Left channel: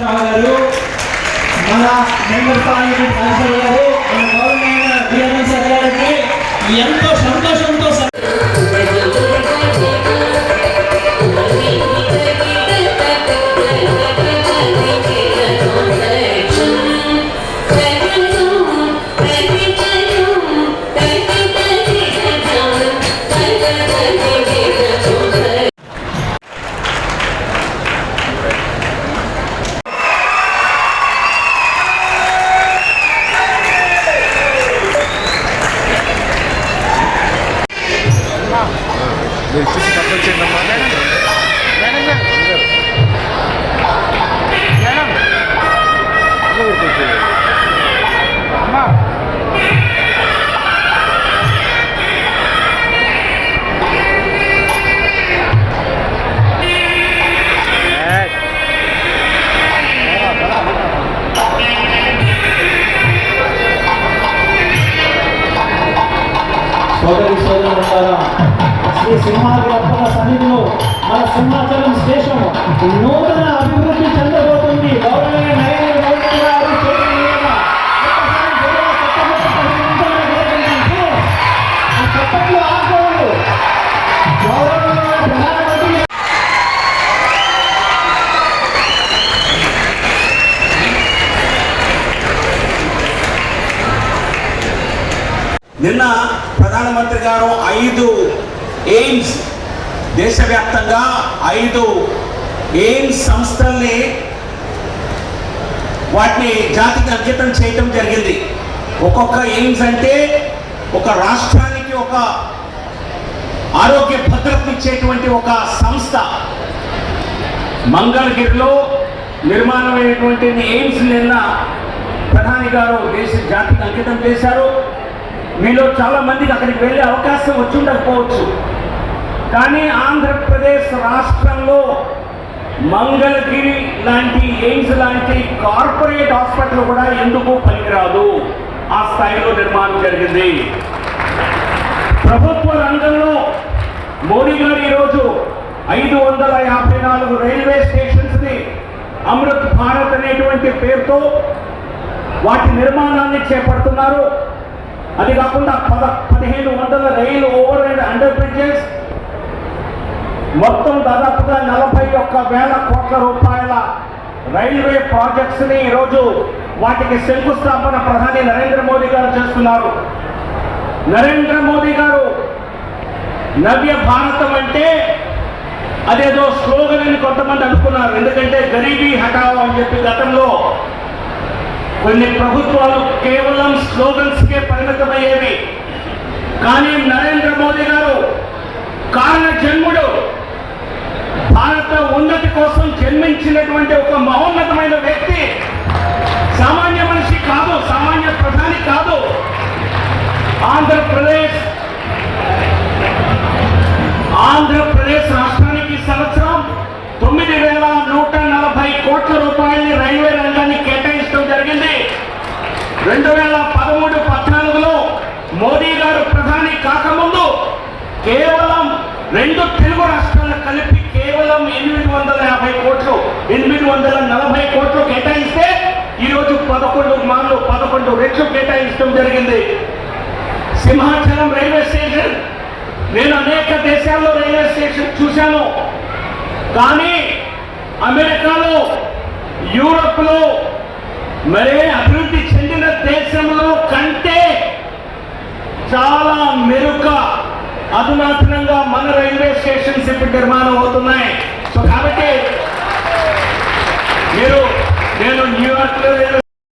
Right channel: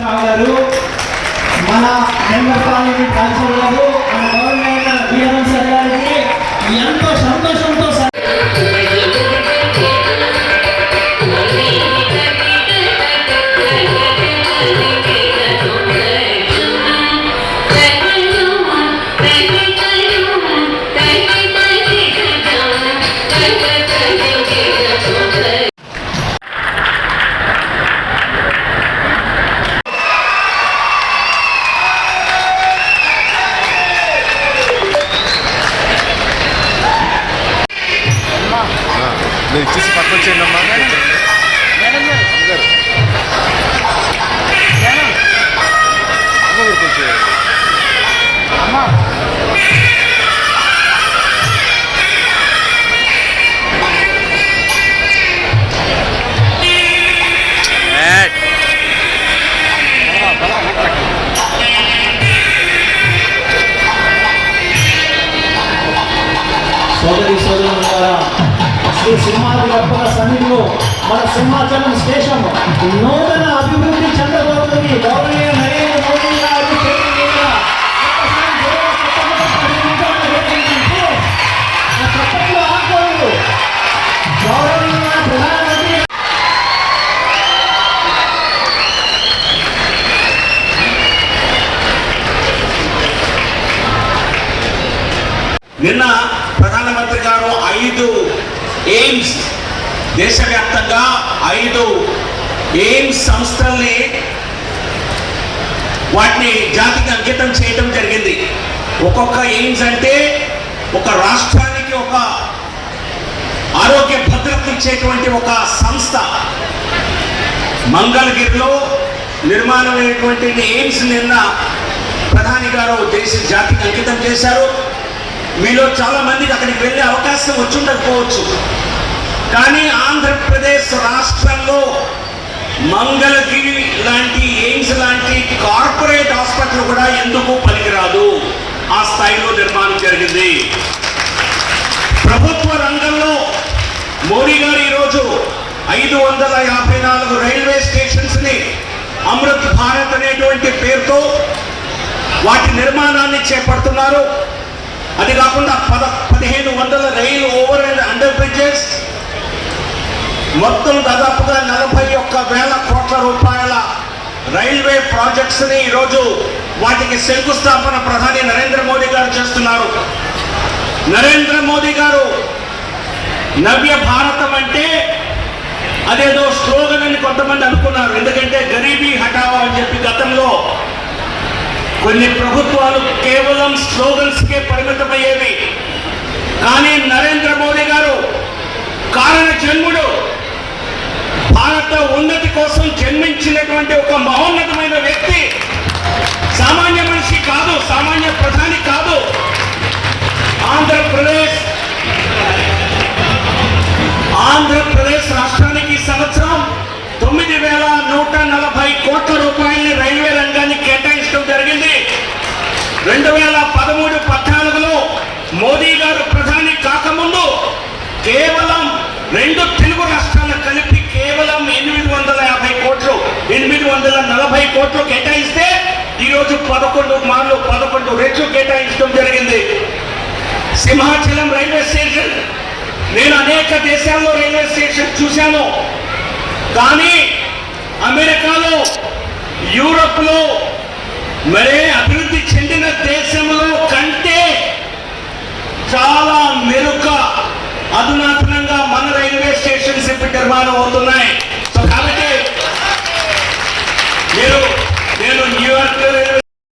మన హైదరాబాద్ కౌన్సిలర్లు మన గవర్నమెంట్ విఎన్ఎస్ గారికి ఎంతో సంతోషంతో చూసి పక్కన చేయండి సోదరి సోదరులారా, శ్రీ సింహాద్రి సన్నిధిలో మన సింహాచలం స్టేషన్ నూతన అభివృద్ధి చెందబోతుంది. గౌరవనీయ నరేంద్ర మోదీ గారు చెప్పట్లు ఆగకూడదు. గౌరవనీయ ప్రధానమంత్రి నిన్న ప్రధానమంత్రి గారు 5 ఎయిమ్స్ దేశవ్యాప్తంగా 5 ఎయిమ్స్ సంస్థల్ని వాటిని జాతికి అంకితం చేయడం జరిగింది. ఒక్కొక్క ఎయిమ్స్ అంటే ఒక రాష్ట్రానికి ఒక ఆరోగ్య భద్రత ఇచ్చేటువంటి ఒక సంస్థ. మంగళగిరిలో నిర్మాణమైనటువంటి ఎయిమ్స్ నిన్న ప్రధాని గారు జాతికి అంకితం చేశారు. మీలో చాలా మందికి అక్కడికి వెళ్ళే అవకాశం వచ్చుండకపోవచ్చు. కానీ ఆంధ్రప్రదేశ్ రాష్ట్రంలో మంగళగిరి లాంటి ఎయిమ్స్ లాంటి కార్పొరేట్ హాస్పిటల్ కూడా ఎందుకు పనికిరాదు. ఆ స్థాయిలో నిర్మాణం జరిగింది. ప్రభుత్వ రంగంలో మోడీ గారు ఈరోజు 554 రైల్వే స్టేషన్స్ ని అమృత్ భారత్ అనేటువంటి పేరుతో వాటి నిర్మాణాన్ని చేపడుతున్నారు. అది కాకుండా 1500 రైలు ఓవర్ అండ్ అండర్ బ్రిడ్జెస్, మొత్తం దాదాపుగా 41,000 కోట్ల రూపాయల రైల్వే ప్రాజెక్ట్స్ ని ఈరోజు వాటికి శంకుస్థాపన ప్రధాని నరేంద్ర మోదీ గారు చేస్తున్నారు. నరేంద్ర మోదీ గారు నవ్య భారతం అంటే అదేదో స్లోగన్ అని కొంతమంది అనుకున్నారు. ఎందుకంటే గరీబీ హటావో అని చెప్పి గతంలో కొన్ని ప్రభుత్వాలు కేవలం స్లోగన్స్కే పరిమితమయ్యేవి. కానీ నరేంద్ర మోదీ గారు కారణ జన్ముడు, భారత ఉన్నతి కోసం జన్మించినటువంటి ఒక మహోన్నతమైన వ్యక్తి. సామాన్య మనిషి కాదు, సామాన్య ప్రధాని కాదు. ఆంధ్రప్రదేశ్ రాష్ట్రానికి సంవత్సరం 9,140 కోట్ల రూపాయలని రైల్వే రంగానికి కేటాయించడం జరిగింది. 2013-14లో మోదీ గారు ప్రధాని కాకముందు కేవలం 2 తెలుగు రాష్ట్రాలు కలిపి కేవలం 840 కోట్లు కేటాయిస్తే ఈరోజు 11 రెట్లు కేటాయించడం జరిగింది. సింహాచలం రైల్వే స్టేషన్, నేను అనేక దేశాల్లో రైల్వే స్టేషన్ చూశాను. కానీ అమెరికాలో, యూరోప్లో, మరే అభివృద్ధి చెందిన దేశంలో కంటే చాలా మెరుగ్గా అధునాతనంగా మన రైల్వే స్టేషన్స్ ఇప్పుడు నిర్మాణం అవుతున్నాయి.